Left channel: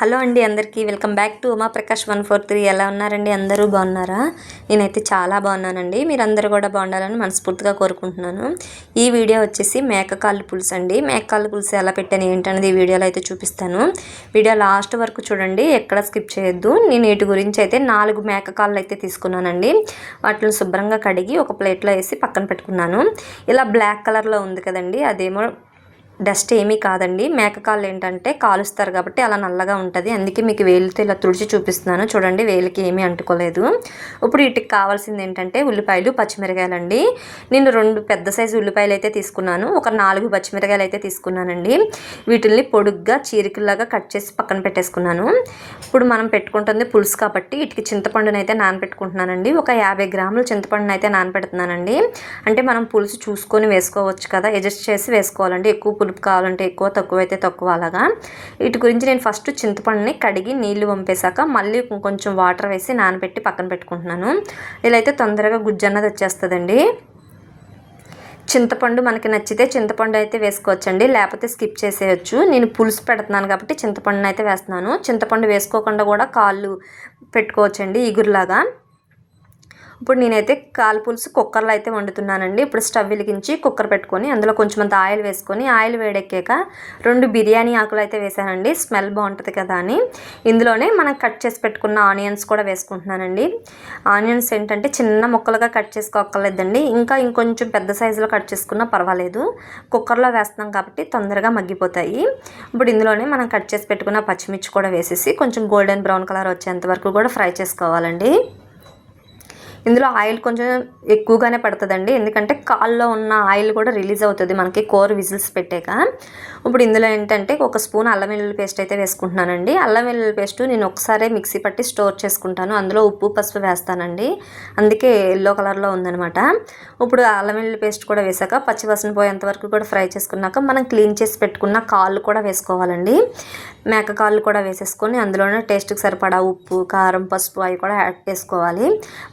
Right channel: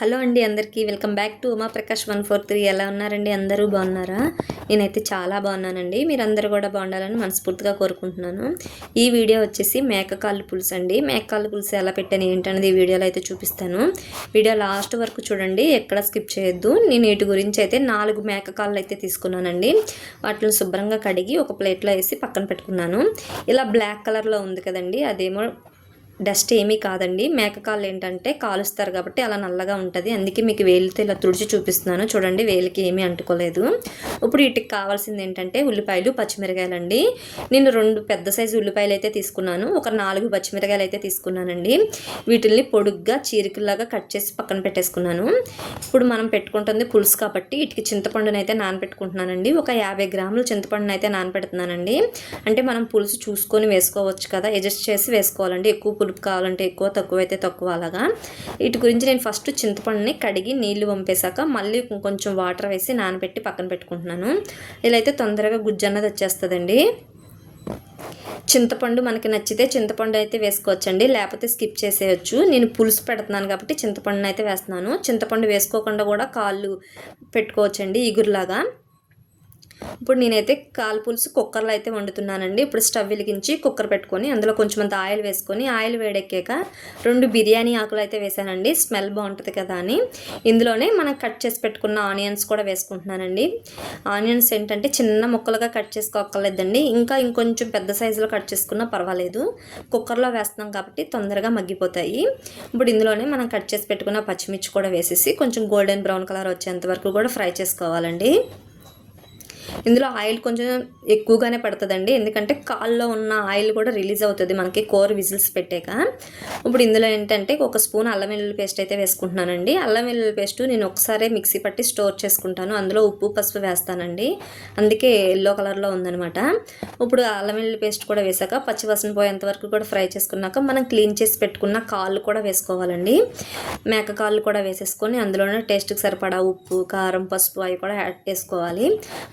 Hello అండి అందరికీ welcome back to Uma Prakash 143. ఎలా ఉన్నారండి? అందరూ బాగున్నారా? నేనైతే చాలా బాగున్నానండి. మీరందరూ కూడా బాగుండాలని మనస్ఫూర్తిగా కోరుకుంటున్నాను. ఈ వీడియో వచ్చేసి మేకకాళ్ళు పులుసు అండి. మేకకాళ్ళు పులుసు ఎలా పెట్టాను ఏంటనేది ఈ వీడియోలో అయితే చూపిస్తాను. వీడియో లాస్ట్ వరకు చూడండి, ఎక్కడ స్కిప్ చేయొద్దు. నేను వీటి గురించి అయితే 4 మేకకాళ్ళు అయితే తీసుకున్నానండి. వాటిని శుభ్రంగా కడిగి ఒక ప్లేట్లో వేసి పక్కన పెట్టుకున్నాను. ఇలా బ్లాక్ కలర్లో ఉంది కదండి, అదేమో డస్ట్ ఏమీ కాదండి. మేకకాళ్ళు ఏంటంటే కాలుస్తారు కాబట్టి అలా నల్లగా ఉంటుంది. అందుకే మీకు వేలితో ఇలా తుడిచి చూపిస్తున్నాను చూడండి, వేలికి ఏమీ అంటుకోలేదు. ఇప్పుడు వీటికి కావాల్సింది ఏంటంటే ఉల్లిపాయలు, పచ్చిమిరకాయలండి. నేను 2 పెద్ద సైజు ఉల్లిపాయలు అయితే తీసుకున్నాను, ఒక 4 పచ్చిమిరకాయలు అయితే తీసుకున్నానండి. వీటిల్ని పొడుగ్గా చీరికల్లాగా కట్ చేసి పక్కన పెట్టేసుకున్నాను. ఇప్పుడు మనం పెట్టుకుంటుంది పులుసు కాబట్టి వీటికి చింతపండుని అయితే నానబెట్టుకుంటున్నానండి. ఒక 50 గ్రాముల చింతపండుని అయితే నానబెడుతున్నానండి. అంటే మనం పులుసు చూసుకొని వేసుకోవచ్చు కదా, అడ్జస్ట్ చేసి వేసుకోవాలండి. ఎక్కువ పులుపు కావాలంటే ఎక్కువ, తక్కువ అయితే తక్కువ అలాగా. వీటి గురించి నేను ఫస్ట్ చింతపండుని కడిగి నీళ్లు వంపేశాక మళ్ళీ కొంచెం వాటర్ వేసి నానబెట్టి పక్కన పెట్టుకుంటున్నాను. ఇలా అయితే తొందరగా గుజ్జు అన్నది వచ్చేస్తుందండి. చింతపండు మనకి నచ్చితే చింతపండు అయితే వేసుకోవచ్చండి, లేకపోతే స్కిప్ చేసేయచ్చు. నేను పులుసు పెడుతున్నాను కాబట్టి చింతపండుని అయితే వేస్తున్నాను. చింతపండు వేసుకోకుండా కూడా కాళ్ళు పెట్టుకోవచ్చండి ఇగురులాగా. ఇప్పుడు నేనైతే కాలు పులుసు కుక్కర్లో అయితే వండుతున్నానండి. ఇప్పుడు స్టవ్ వెలిగించి కుక్కర్ పెట్టుకొని అందులో కొంచెం అంత ఆయిల్ వేసుకొని, ఆయిల్ వేడెక్కాక 2 బిర్యానీ ఆకులు అయితే వేసానండి, స్మెల్ బాగుంటుంది కదా అని. ఇందులోనే మనం కట్ చేసి పెట్టుకున్న ఆనియన్స్ కూడా వేసుకుంటున్నానండి. ఆనియన్స్ ఏంటంటే చిన్న ముక్కలుగా కట్ చేసుకోక్కర్లేదండి, ఇంకొంచెం పెద్ద సైజులో కట్ చేసుకున్నా పర్వాలేదు. కుక్కర్లో వేస్తున్నాం కాబట్టి తొందరగా మగ్గిపోతాయి. ఇప్పుడు ఇందులోనే మనం కట్ చేసి పెట్టుకున్న పచ్చిమిర్చి కూడా వేసేసి కొంచెం గోల్డెన్ బ్రౌన్ కలర్ వచ్చేంత వరకు కూడా ఫ్రై చేసుకోవాలండి. ఇందులో ఆయిల్ కొంచెం ఎక్కువగానే పడుతుందండి, ఎందుకంటే కాల్లో ఉన్న ఆయిల్ కూడా రిలీజ్ అవుతుంది మనకి కూర విజిల్స్ పెట్టాక. ఇప్పుడు ఇందులో ఏంటంటే ఒక స్పూన్ అల్లం వెల్లుల్లి పేస్ట్ అయితే వేసుకుంటున్నానండి. అల్లం వెల్లుల్లి పేస్ట్ నేను ఒకసారి మిక్సీ పట్టి స్టోర్ చేసుకుంటాను. అందులో ఉప్పు, పసుపు వేస్తానండి, అందుకే ఎల్లో కలర్లో ఉందనమాట. ఇప్పుడు అల్లం వెల్లుల్లి పేస్ట్ కూడా వేసాక పచ్చివాసన పోయేంత వరకు కూడా ఫ్రై చేసుకున్నాక మనం క్లీన్ చేసి పెట్టుకున్న కాళ్ళు కూడా వేసుకోవాలండి. మేక కాళ్ళు కూడా వేసేసుకొని అందులోనే టేస్ట్కి సరిపడా ఉప్పు, కారం, పసుపు అవి కూడా యాడ్ చేసుకోవాలి.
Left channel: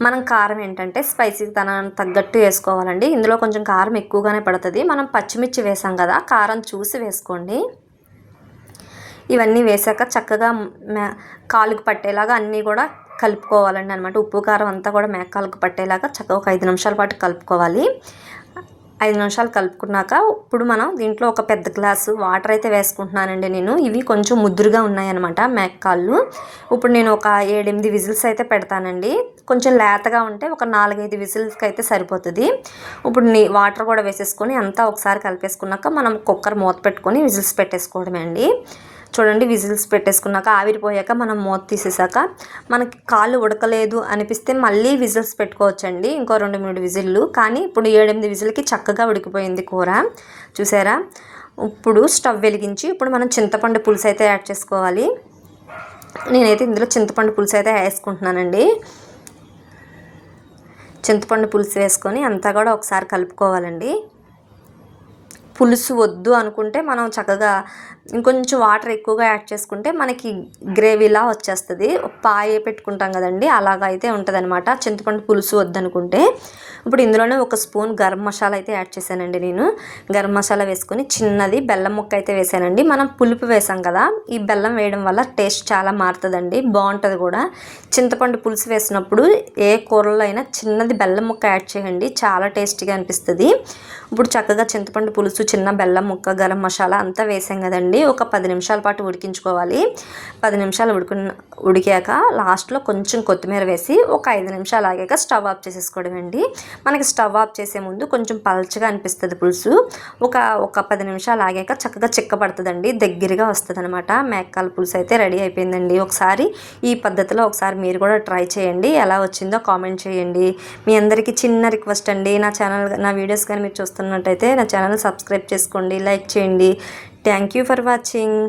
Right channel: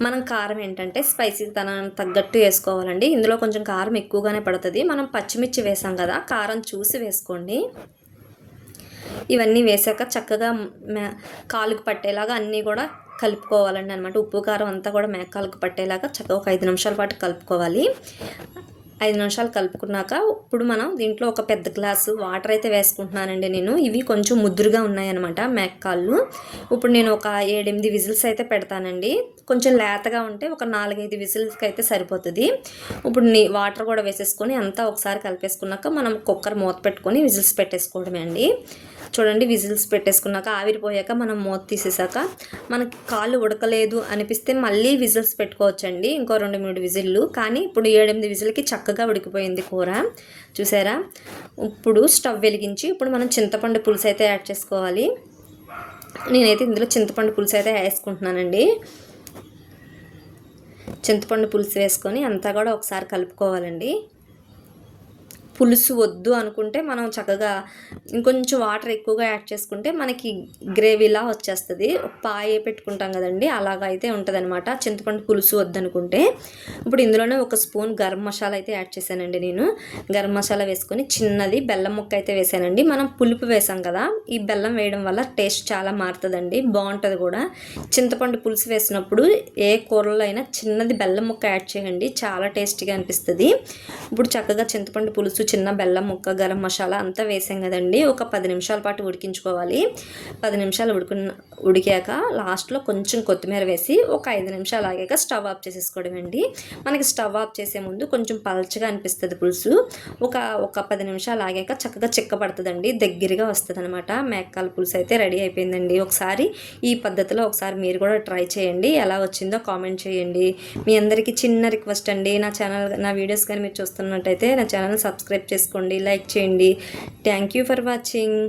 మనం కారం ఏంటంటే స్పైసీ తనానికి తగ్గట్టు వేసుకోవాలండి. ఇందులో కొంచెం కారం ఎక్కువగానే పడుతుంది. మనం పచ్చిమిర్చి వేసాం కదా, కారం చూసి వేసుకోండి. ఇవన్నీ వేసాక చక్కగా కాలుకు పట్టేలాగా అన్నీ కూడా కలుపుకోవాలండి అనమాట. ఉప్పు కారం అంతా కూడా మేకాలకు పట్టేలాగా చక్కగా ఒక 5 నిమిషాల పాటు కలుపుకోవాలి. 5 నిమిషాలు కలుపుకున్నాక ఇప్పుడు మనం దీంట్లో ఒక పెద్ద గ్లాసు వాటర్ అయితే వేసుకుంటున్నానండి నేను. ఇవి కొంచెం ముద్దురుగా ఉన్నాయన్నమాట మేకకాళ్ళు. ఇప్పుడు నేను ఒక 7-8 విజిల్స్ అయితే పెడతానండి. కొంచెం లేతగా ఉంటే ఒక 4-5 విజిల్స్కి అయితే సరిపోతుంది. ఇప్పుడు వాటర్ కూడా వేసేసుకొని అంతా ఒకసారి కలిపేసుకున్నాక మనం కుక్కర్ మూత పెట్టుకొని విజిల్స్ పెట్టేసుకోవడమే అండి. చూడండి, విజిల్స్ పెట్టేసుకున్నాక ఆవిరిపోయాక మనం మూత తీసేసాక మనకి కాళ్ళు ఉడకలేదు అనిపిస్తే మళ్ళీ విజిల్స్ పెట్టుకోవచ్చండి, ఇంకో 2-3 విజిల్లు. కానీ ఇప్పుడు 7-8 విజిల్కి చక్కగా ఉడికిపోయింది కూర, చూసారా. ఇప్పుడు స్టవ్ వెలిగించి ఇప్పుడు మనం చింతపండు పులుసు అయితే యాడ్ చేసుకోవాలి. నేనైతే ఇందులో చింతపండు పులుసు అయితే వేసుకుంటున్నానండి. చింతపండు పులుసు వేసుకొని అంతా కూడా ఒకసారి కలుపుకోవాలండి. పులుసు వద్దు అనుకుంటే మనం చక్కగా ఇంకొంచెం వాటర్ ఎక్కువగా యాడ్ చేసుకుంటే మనకి గ్రేవీలా వచ్చేస్తుంది. పాయ పెట్టుకుంటాం కదండి, అలాగైతే ఉంటుంది అనమాట చింతపండు పులుసు వద్దనుకుంటే. ఇప్పుడు ఇందులోనే ఒక స్పూన్ గరం మసాలా అయితే యాడ్ చేశానండి నేను. గరం మసాలా వేసుకొని చిన్నది బెల్లం ముక్క అయితే వేసానండి. మనం పులుపు వేసాం కదా, ఈ బెల్లం వేయడం వల్ల టేస్ట్ చాలా మారుతుందండి, బాగుంటుంది కూడా. చింతపండు పులుసు వేసినప్పుడు ఏ కూరలో అయినా చిన్నది బెల్లం ముక్క యాడ్ చేయండి, చాలా టేస్టీగా అనిపిస్తుంది. ఇప్పుడు చక్కగా చింతపండు పులుసు, చిన్న బెల్లం ముక్క, గరం మసాలా అంతా వేసాం కదండి. ఒక 10 నిమిషాల పాటు ఉడికించుకోవాలి. 10 నిమిషాలు ఉడికాక లాస్ట్లో కొంచెం కొత్తిమీర వేసి ఒక 5 నిమిషాలు ఆగాక స్టవ్ ఆఫ్ చేసేసుకోవడం అండి. మనకి స్టవ్ ఆఫ్ చేసే ముందు కొంచెం పలచగా అనిపిస్తుంది పులుసు. ఒక 10 నిమిషాలు ఆగాక చక్కగా చిక్కబడుతుందండి, దగ్గరగా వస్తుంది అనమాట. మేకకాళ్ళ పులుసు అయితే రెడీ అయిపోయిందండి. ఒకసారి ఈ పద్ధతిలో ఒకసారి మీరు కూడా ట్రై చేయండి, ఎలా వచ్చిందో కామెంట్ చేయండి. మీ అందరికీ చిన్న రిక్వెస్ట్ అండి, నా వీడియోస్ కానీ మీరు చూస్తున్నట్టయితే నా ఛానల్ సబ్స్క్రైబ్ చేసుకోండి, లైక్ చేయండి. Thank you for watching.